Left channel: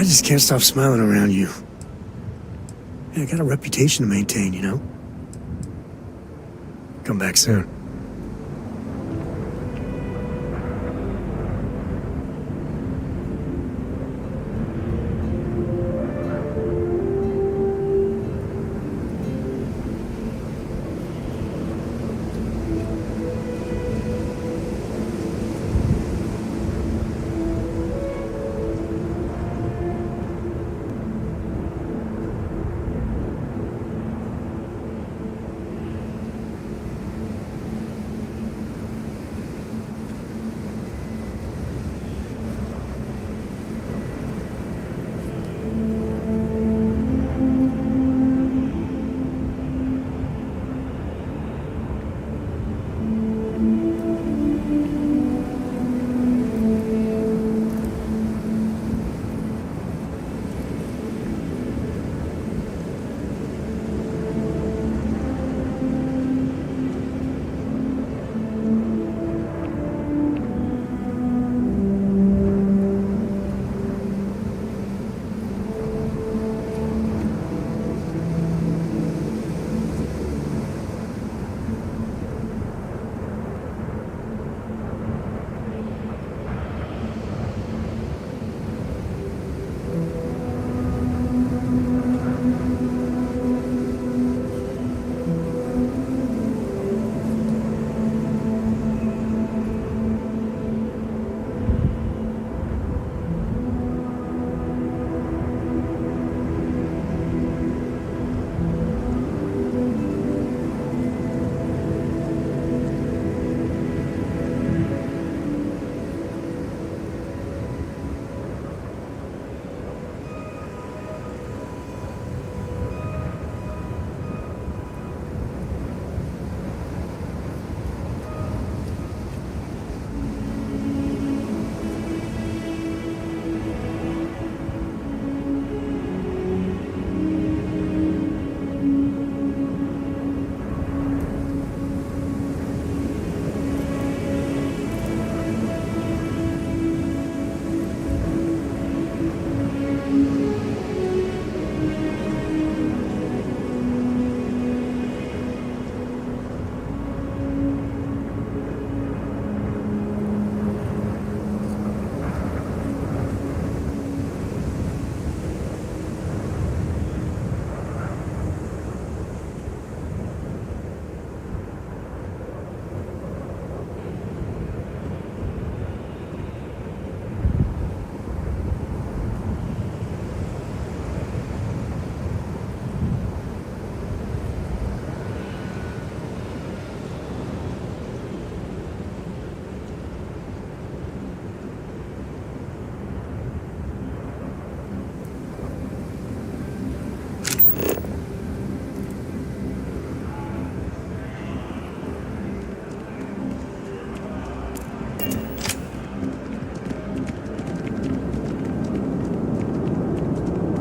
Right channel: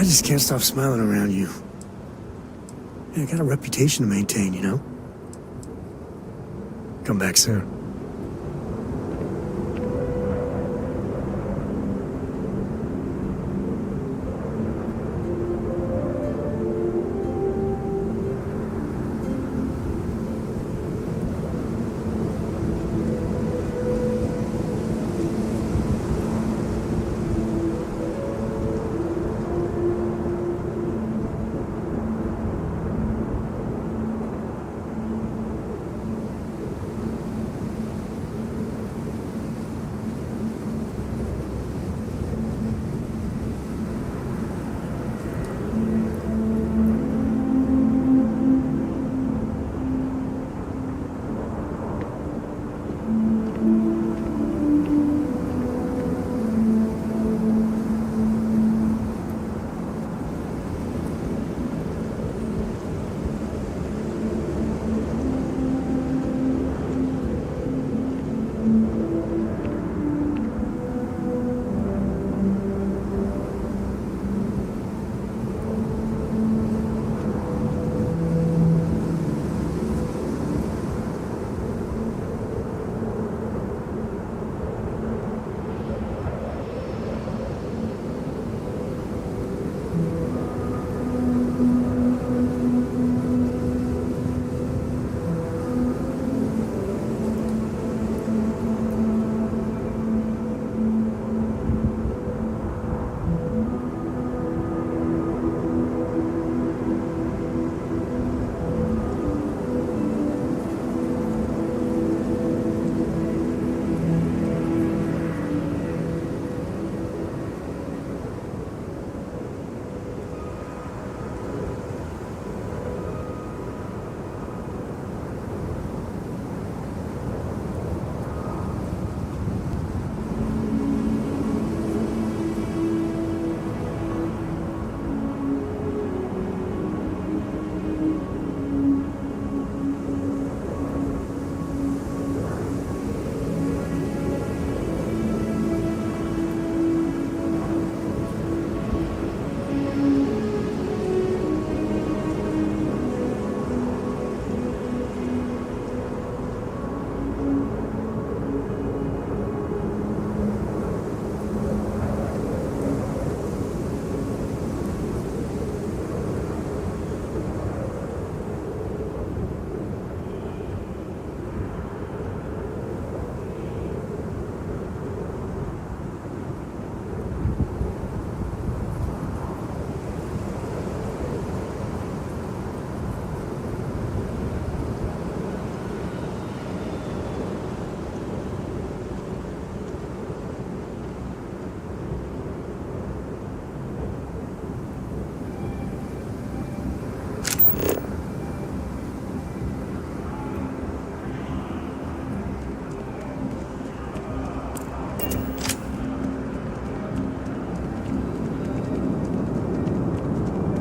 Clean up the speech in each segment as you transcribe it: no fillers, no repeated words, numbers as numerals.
I just can't stop smiling around you. Yeah, I got a reputation to maintain, you know? Come back soon.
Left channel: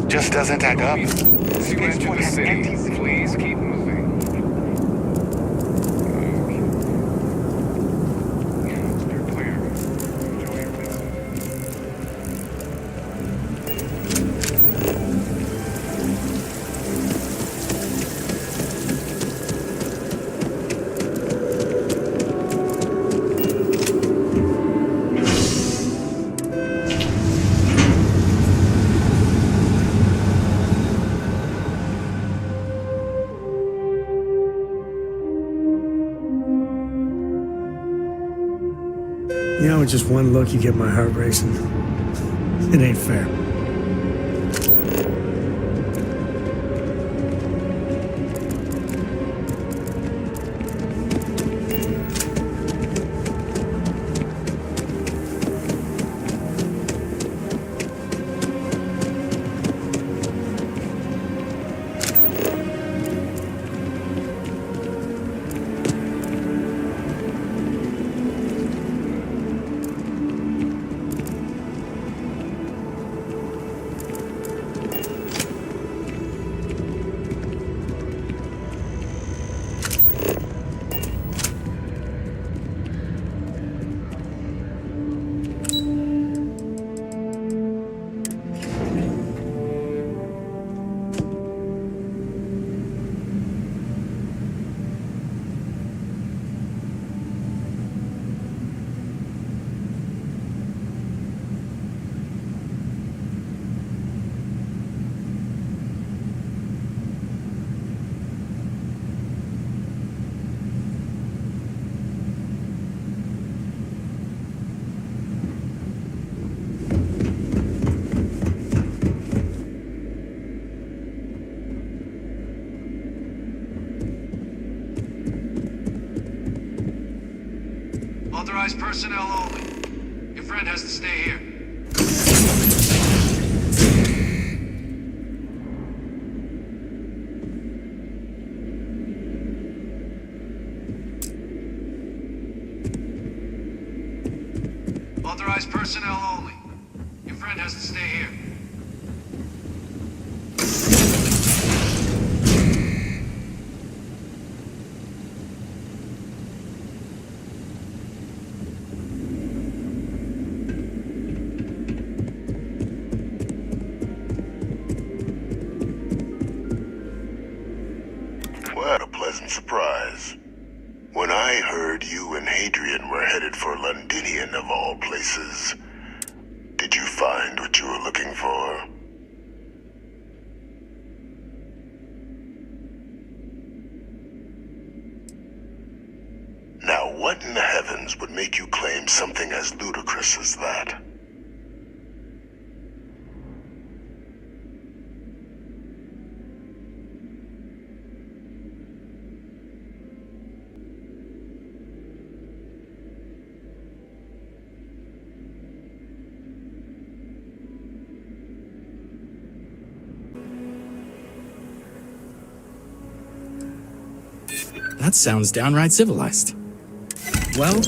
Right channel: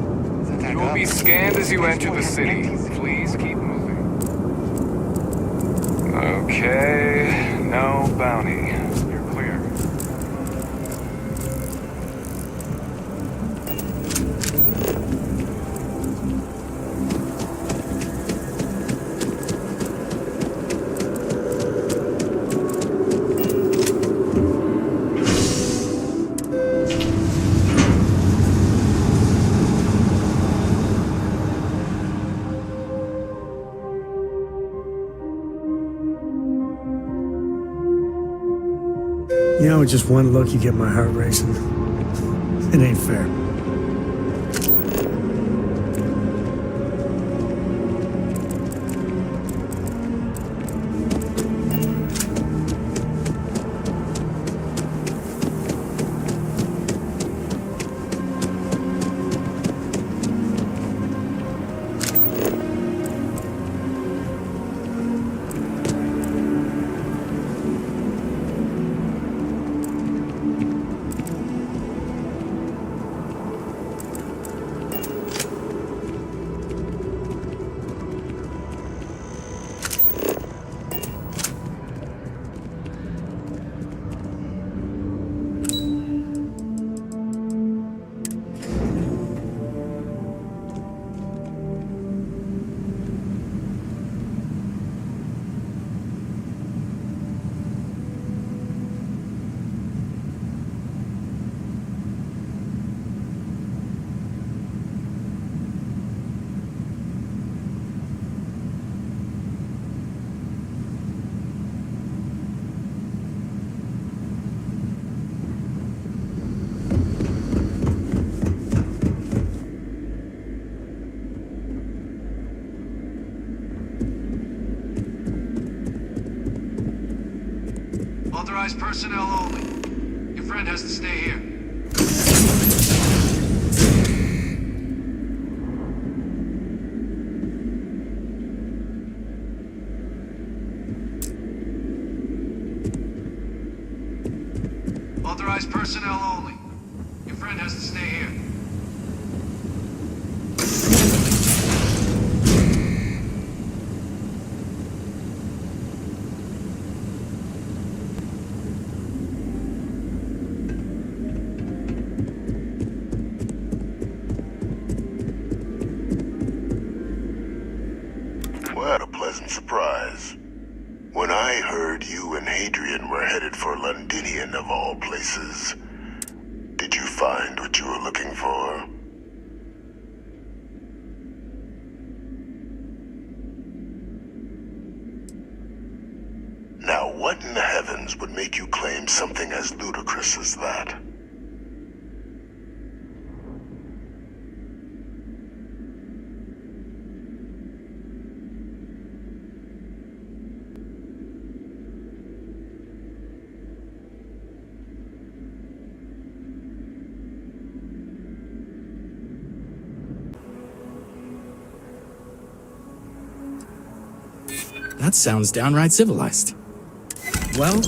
Just doesn't add You will up. be scanned as you enter the city. Please keep moving. Okay, no bounty. You're clear. You know, with just one look, you get my heart racing. It ain't fair. Authorized personnel only. Your friend has to stay here. Authorized personnel only. Your friend has to stay here. What a pleasant surprise. When I heard you and Hadrian were headed for Londinian of all places, did you find what you were looking for? Now, what in the heavens would make you claim something as ludicrous as that? That sounds downright civilized. Well,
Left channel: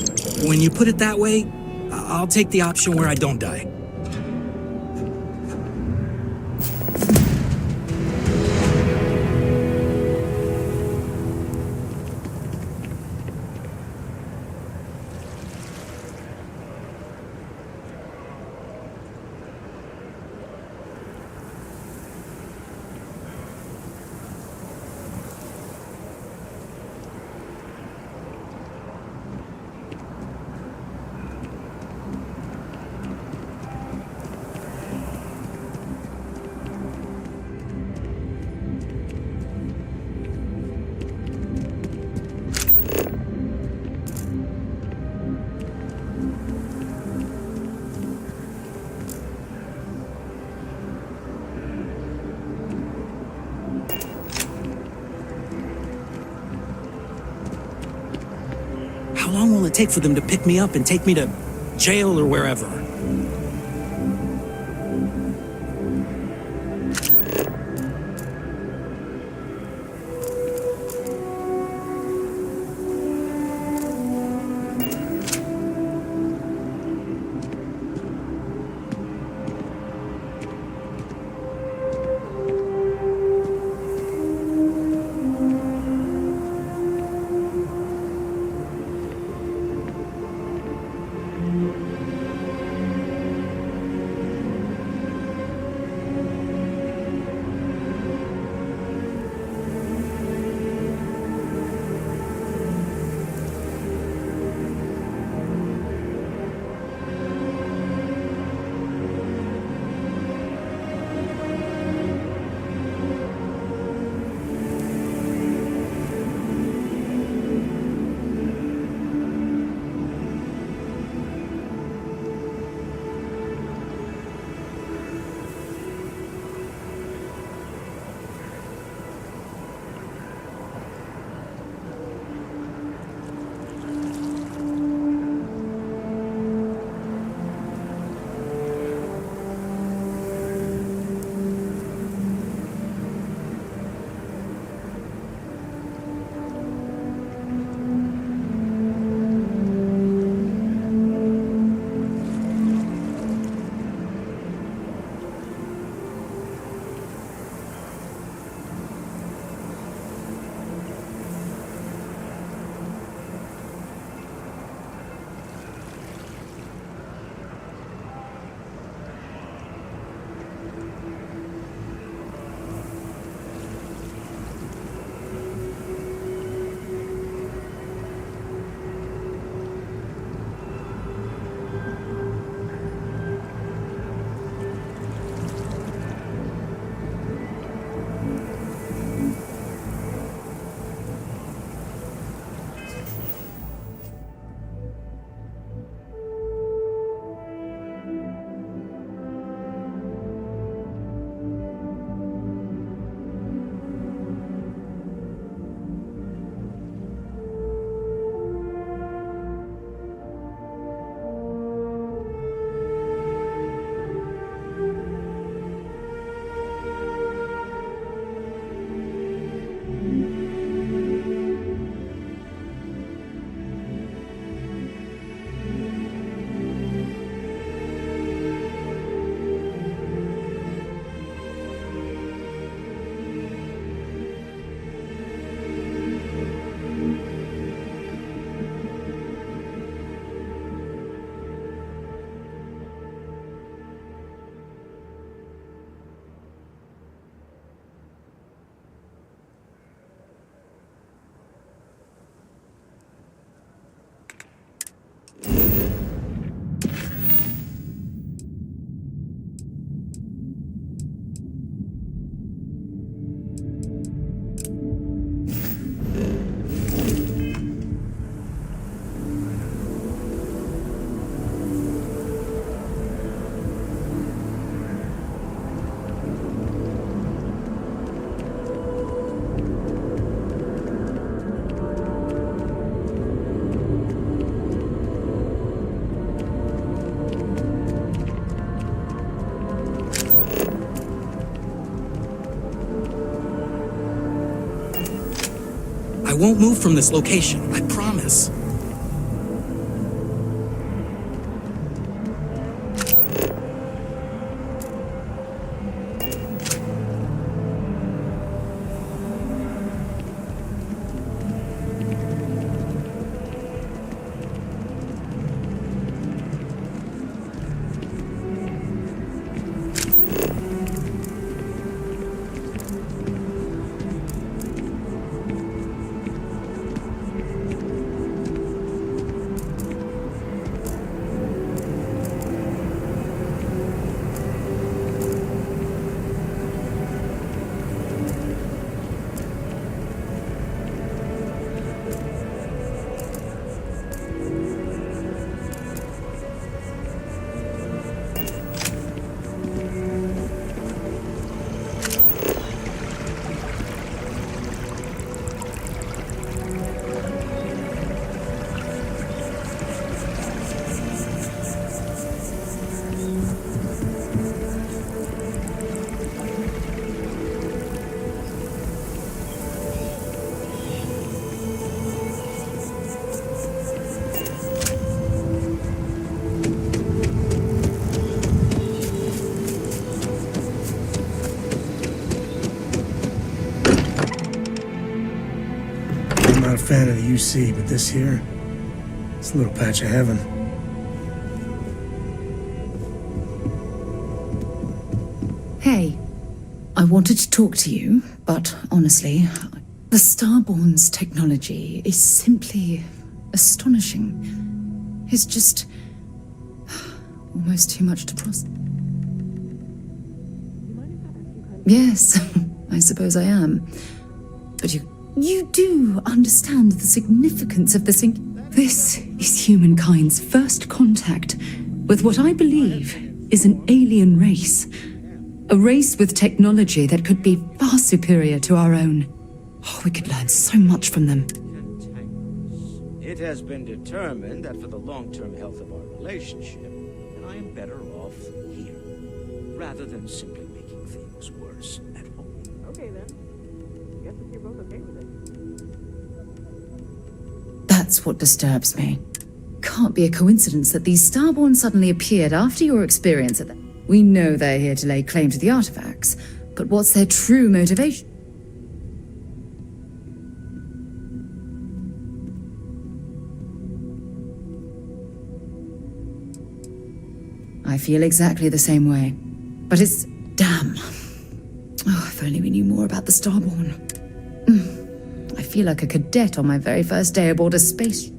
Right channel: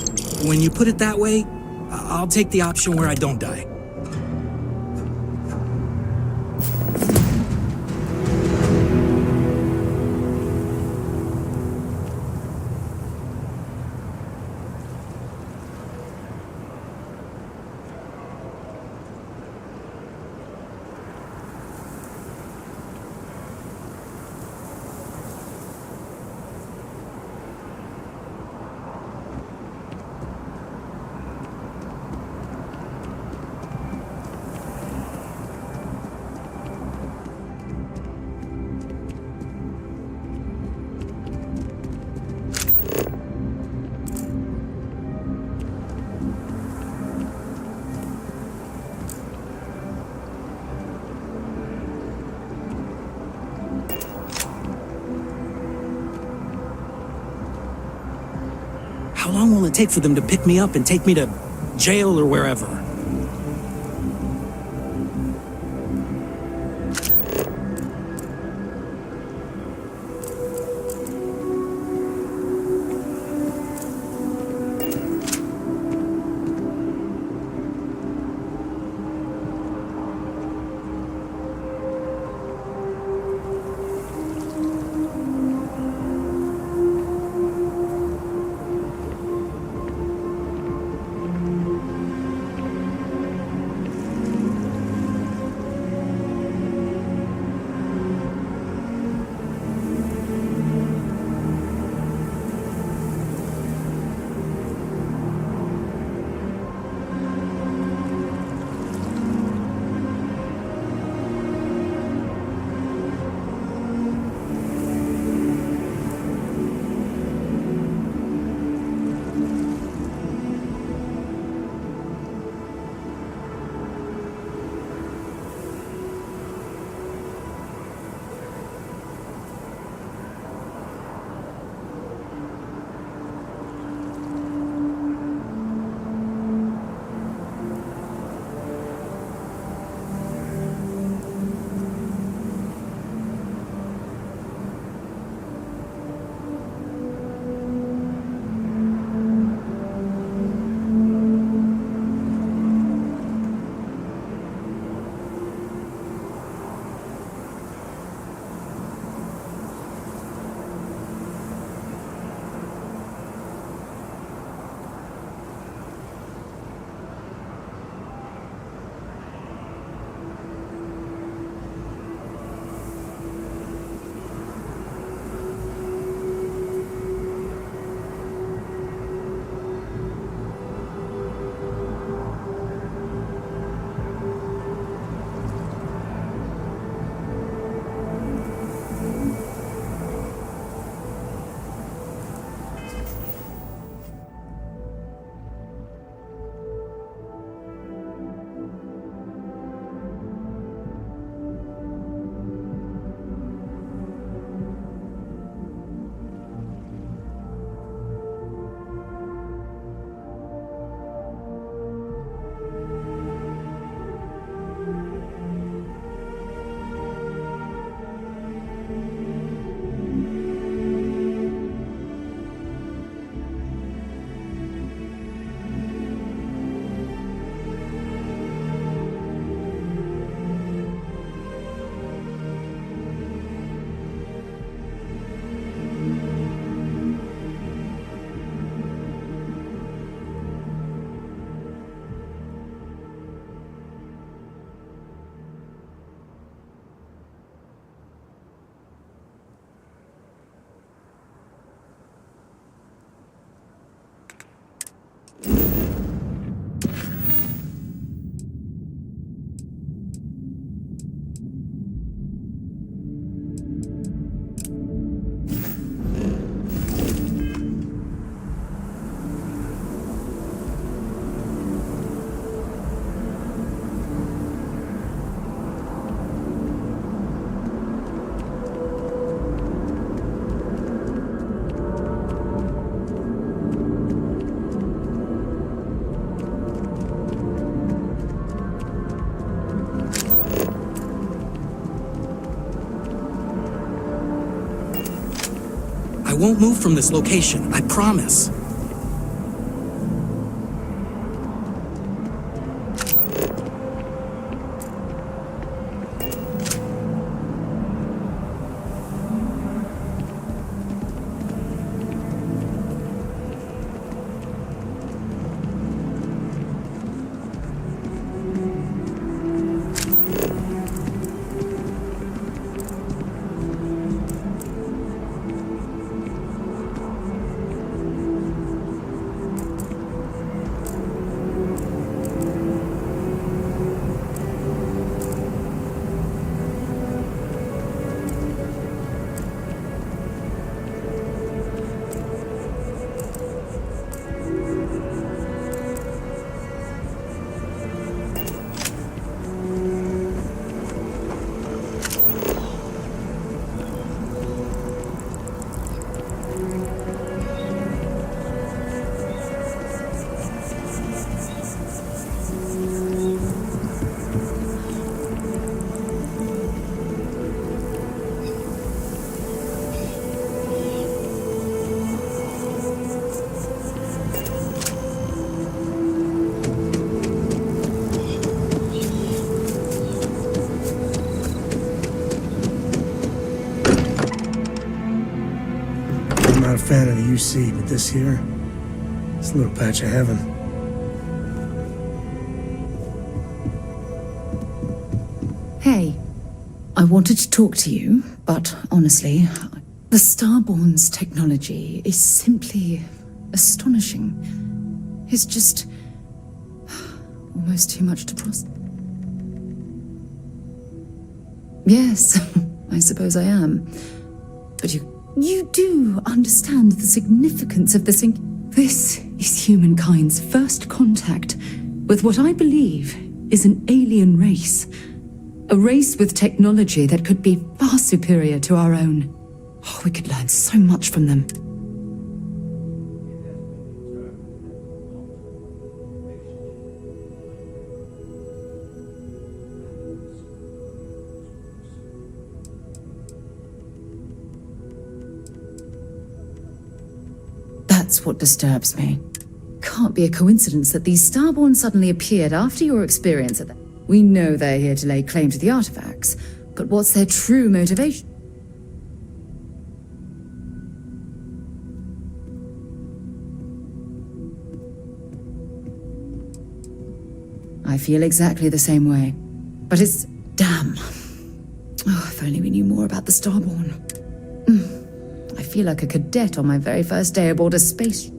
when you put it that way, I'll take the option where I don't die. How long will it take for them to pick me up and take me to jail or wherever? won't move from this location, I promise. I'm not a fan of the UC, but this here, it's a little patch of heaven. Hey, I wanted to talk to you, but honestly, the Starborn's technology is simply astonishing. It's just almost too much to process. Yes, I suppose I am. But you do understand the significance of this. This is humankind's first contact with what I believe is an alien race. A race with technology that could be far superior to our own. Oh, we could learn so much from them. It has been determined that for the long-term health of our relationship, I am better off here, rather than simply making things worse at home. Okay then. Guess if you're both okay with it. That's what disturbs me. Can't be a coincidence that these Starborn suddenly appeared after your experience at the... We know they're here to lay claim to the artifacts, but what's their true motivation? I feel exactly the same way. But it's... damn. Oh, if only we knew more about the Starborn. I feel like a cadet on my very first day aboard a space...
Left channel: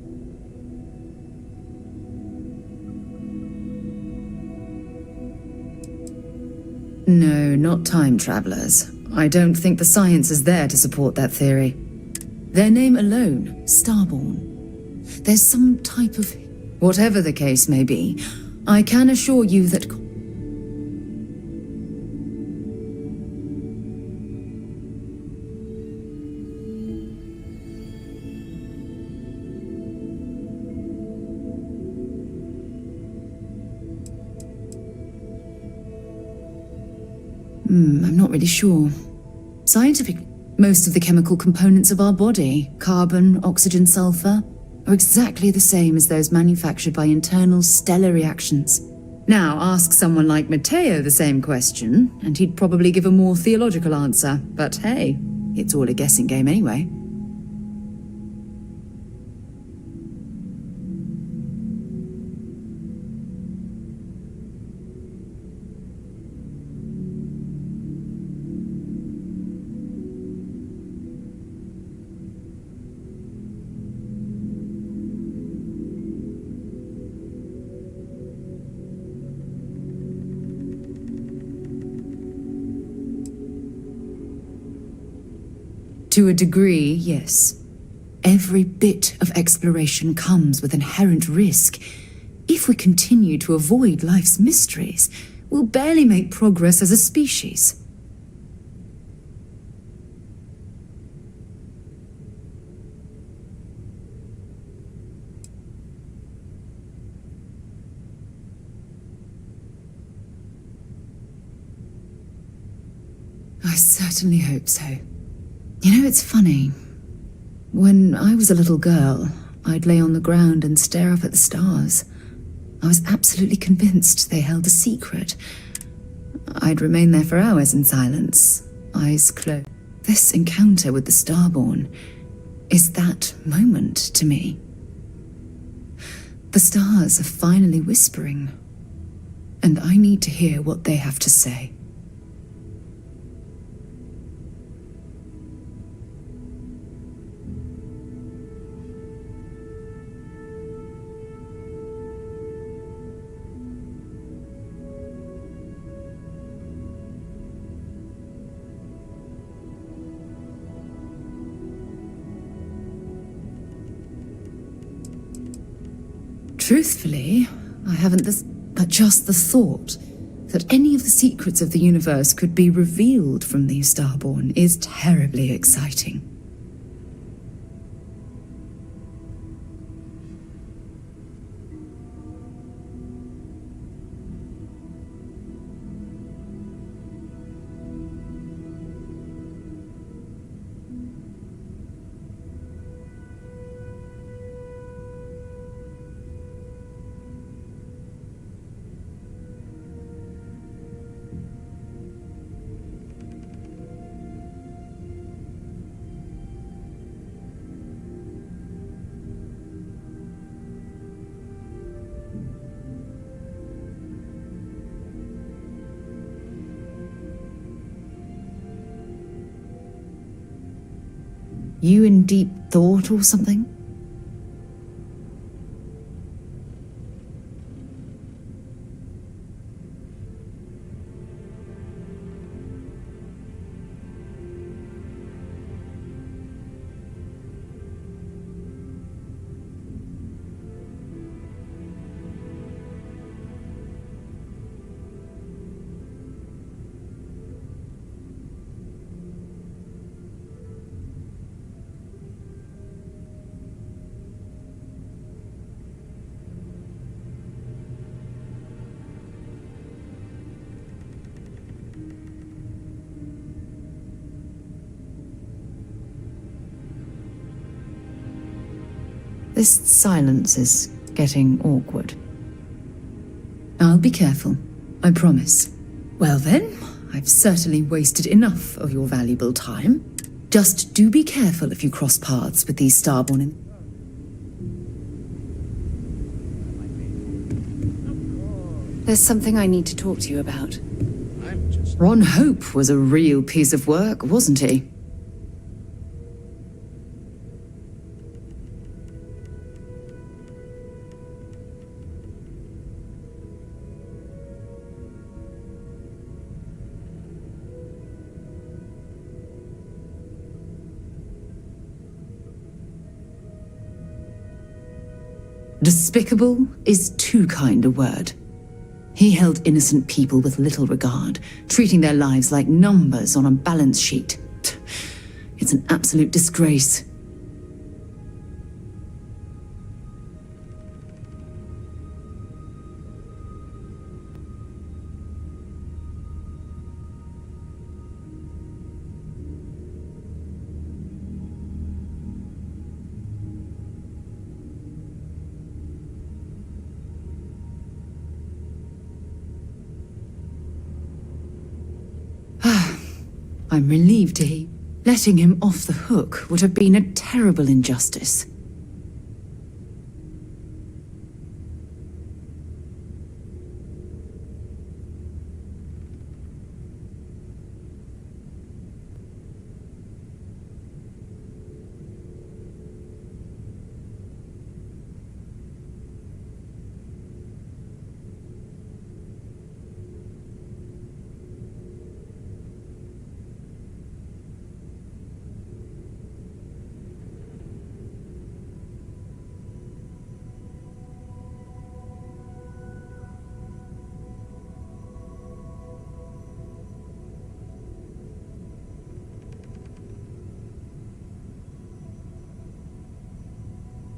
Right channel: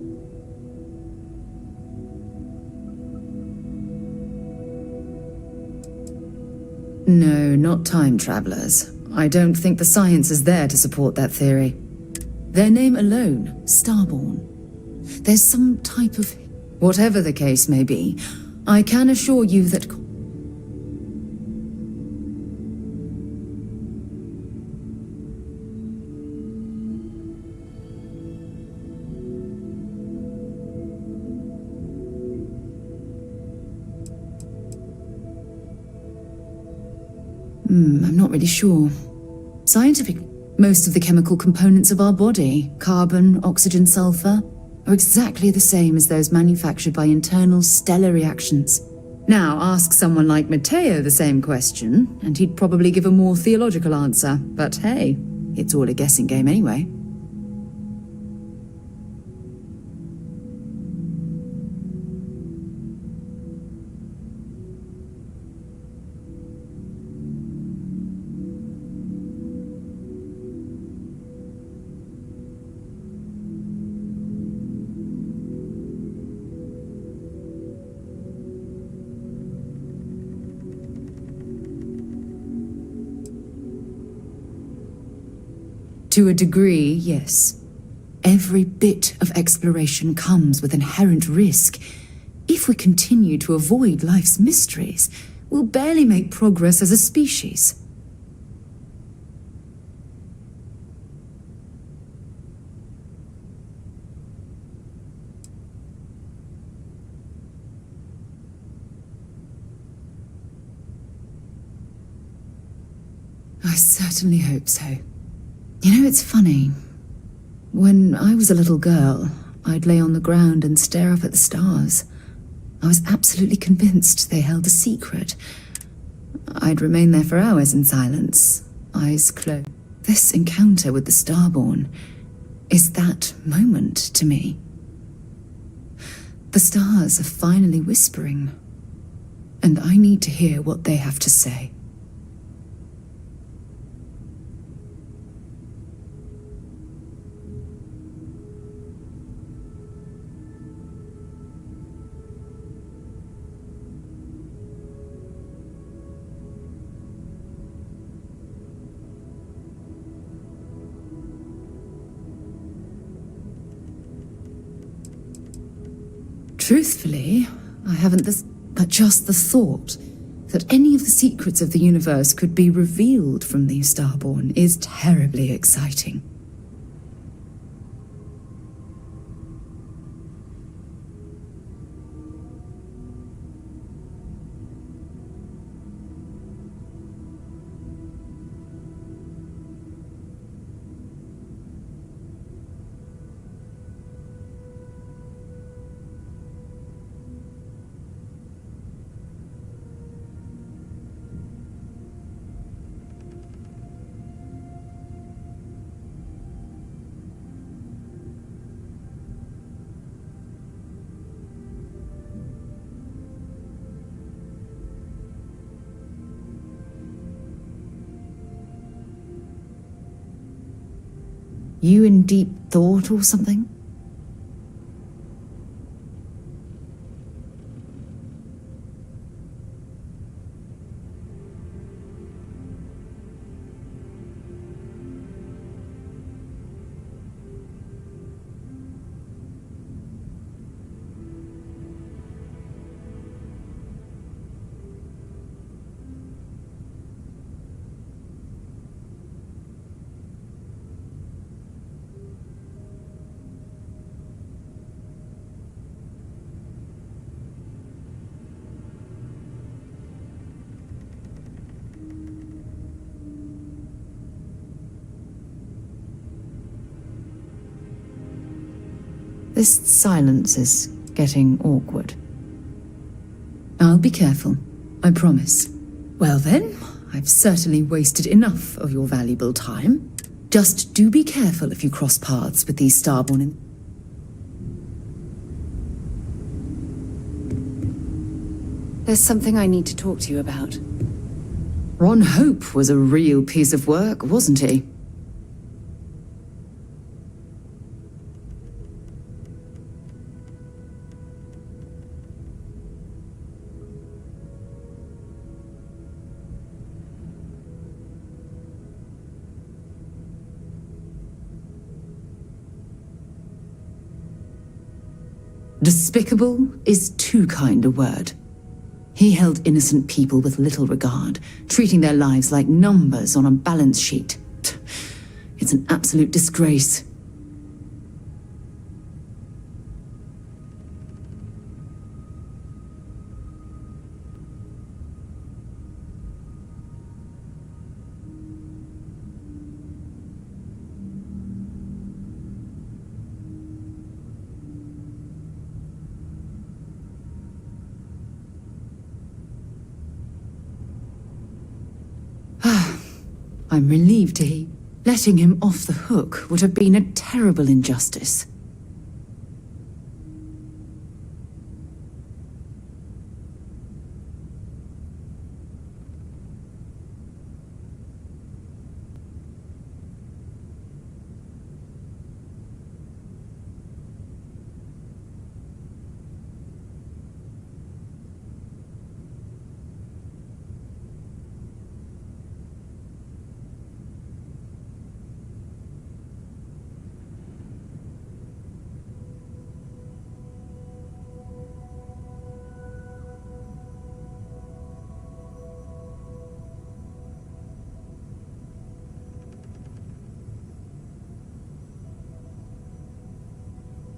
No, not time travelers. I don't think the science is there to support that theory. Their name alone, Starborn. There's some type of... Whatever the case may be, I can assure you that... I'm not really sure. Scientifically, most of the chemical components of our body, carbon, oxygen, sulfur, are exactly the same as those manufactured by internal stellar reactions. Now, ask someone like Matteo the same question, and he'd probably give a more theological answer. But hey, it's all a guessing game anyway. To a degree, yes. Every bit of exploration comes with inherent risk. If we continue to avoid life's mysteries, we'll barely make progress as a species. I certainly hope so. You know, it's funny. When I was a little girl, I'd lay on the ground and stare up at the stars. I was absolutely convinced they held a secret. I'd remain there for hours in silence, eyes closed. This encounter with the Starborn is that moment to me. The stars are finally whispering, and I need to hear what they have to say. Truthfully, I haven't but just the thought that any of the secrets of the universe could be revealed from these Starborn is terribly exciting. You in deep thought or something? This silence is getting awkward. I'll be careful, I promise. Well then, I've certainly wasted enough of your valuable time. Just do be careful if you cross paths with these Starborn. There's something I need to talk to you about. Ron Hope was a real piece of work, wasn't he? Despicable is too kind a word. He held innocent people with little regard, treating their lives like numbers on a balance sheet. It's an absolute disgrace. I'm relieved to hear. Letting him off the hook would have been a terrible injustice.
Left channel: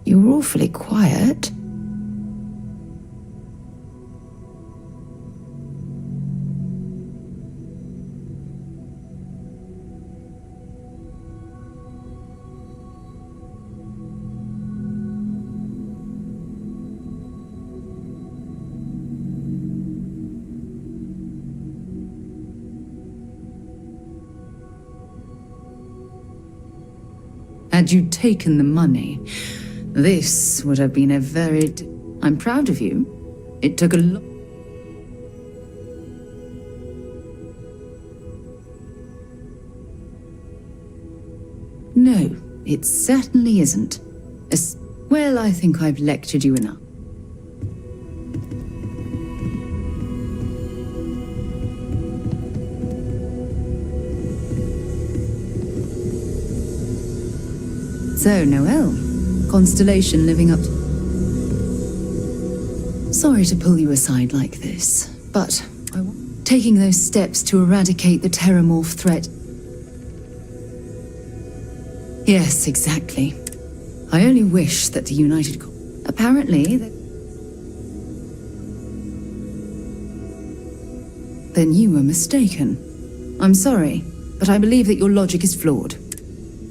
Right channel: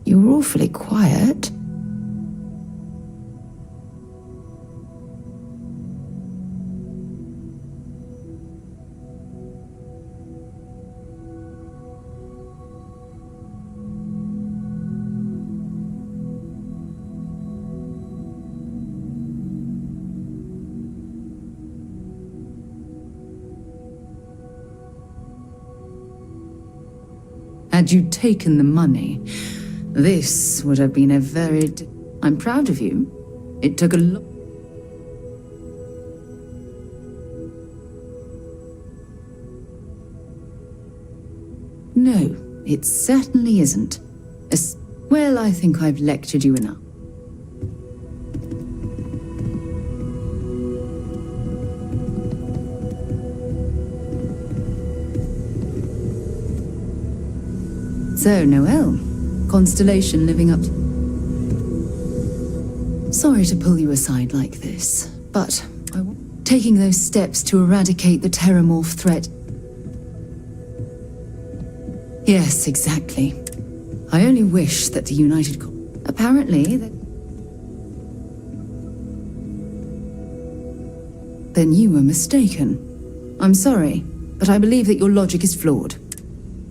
You were awfully quiet. Had you taken the money, this would have been a very... I'm proud of you. It took a lot... No, it certainly isn't. Well, I think I've lectured you enough. So, Noel, Constellation living up to... Sorry to pull you aside like this, but taking those steps to eradicate the Terramorph threat... Yes, exactly. I only wish that the United... Apparently, Then you were mistaken. I'm sorry, but I believe that your logic is flawed.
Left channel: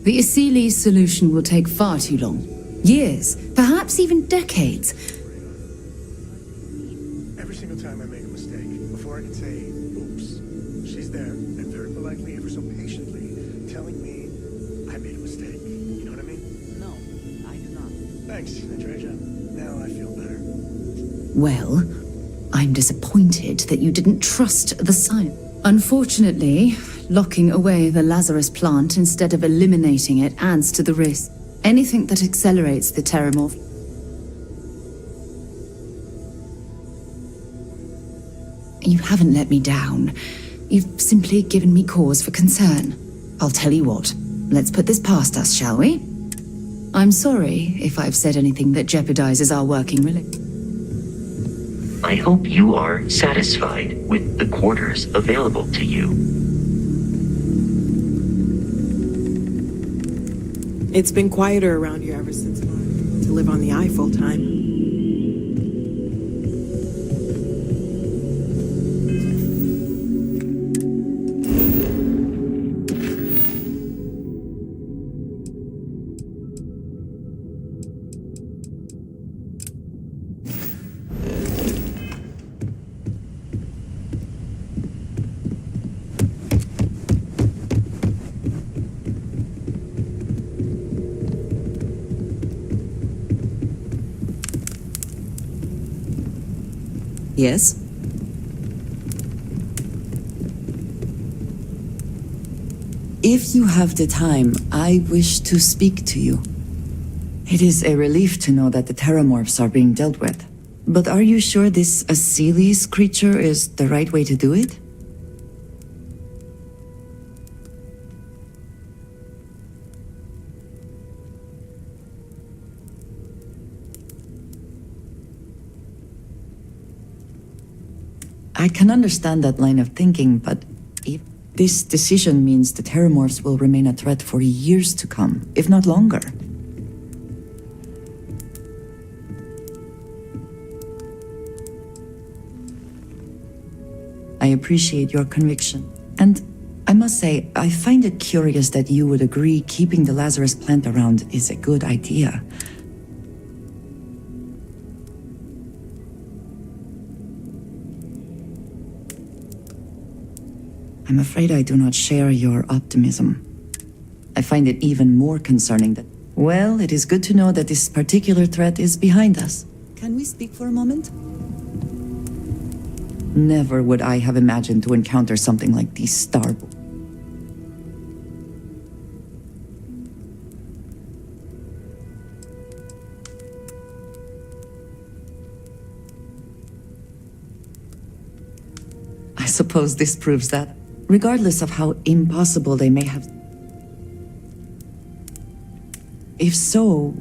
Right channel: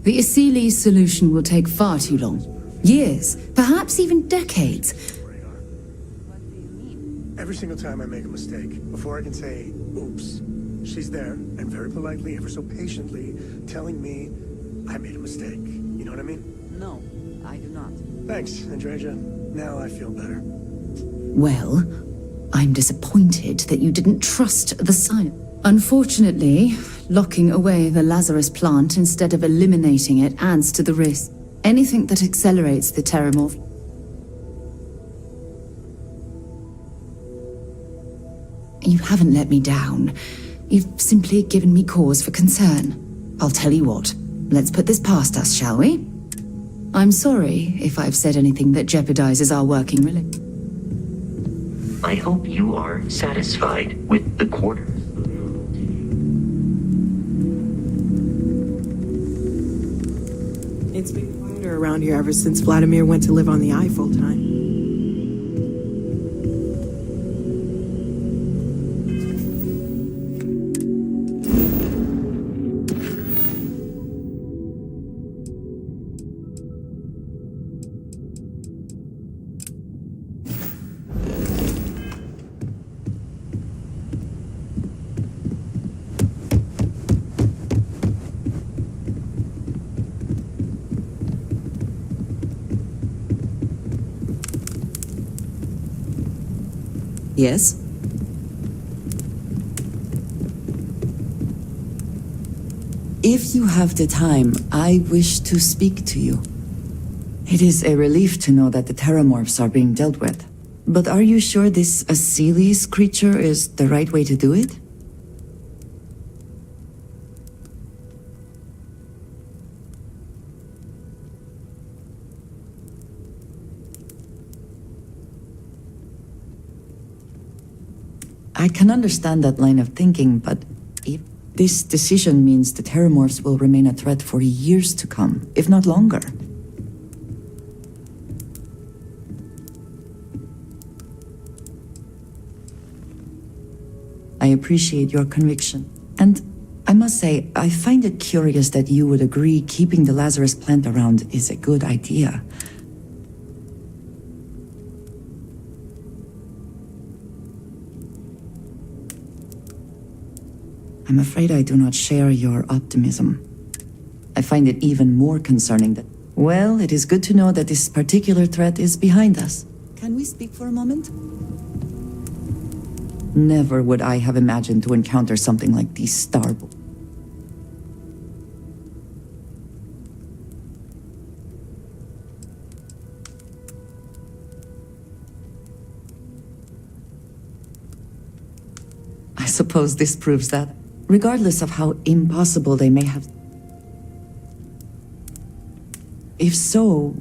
The Asili's solution will take far too long. Years, perhaps even decades. Every single time I make a mistake, before I can say, oops, she's there, and very politely, ever so patiently, telling me I made a mistake. You know what I mean? No, I do not. Thanks, Andreja. Now I feel better. Well, I'm disappointed that you didn't trust the science. Unfortunately, locking away the Lazarus plant instead of eliminating it adds to the risk. Anything that accelerates the Terramorph. You haven't let me down. You've simply given me cause for concern. I'll tell you what. Let's put this past us, shall we? I'm sorry if I've said anything that jeopardizes our working relationship. I hope you are satisfied with the quarters available to you. It's been quieter around here ever since Vladimir went to live on the Eye full time. Yes? If you have the time, I wish to speak to you. It is a relief to know that the Terramorphs are being dealt with. But are you sure this Asili's creature is the right way to do it? I can understand that line of thinking, but if this decision means the Terramorphs will remain a threat for years to come, if not longer. I appreciate your conviction. And I must say, I find it curious that you would agree keeping the Lazarus plant around is a good idea. I'm afraid I do not share your optimism. I find it even more concerning that... Well, it is good to know that this particular threat is behind us. Can we speak for a moment? Never would I have imagined to encounter something like these starboard. I suppose this proves that, regardless of how impossible they may have... If so,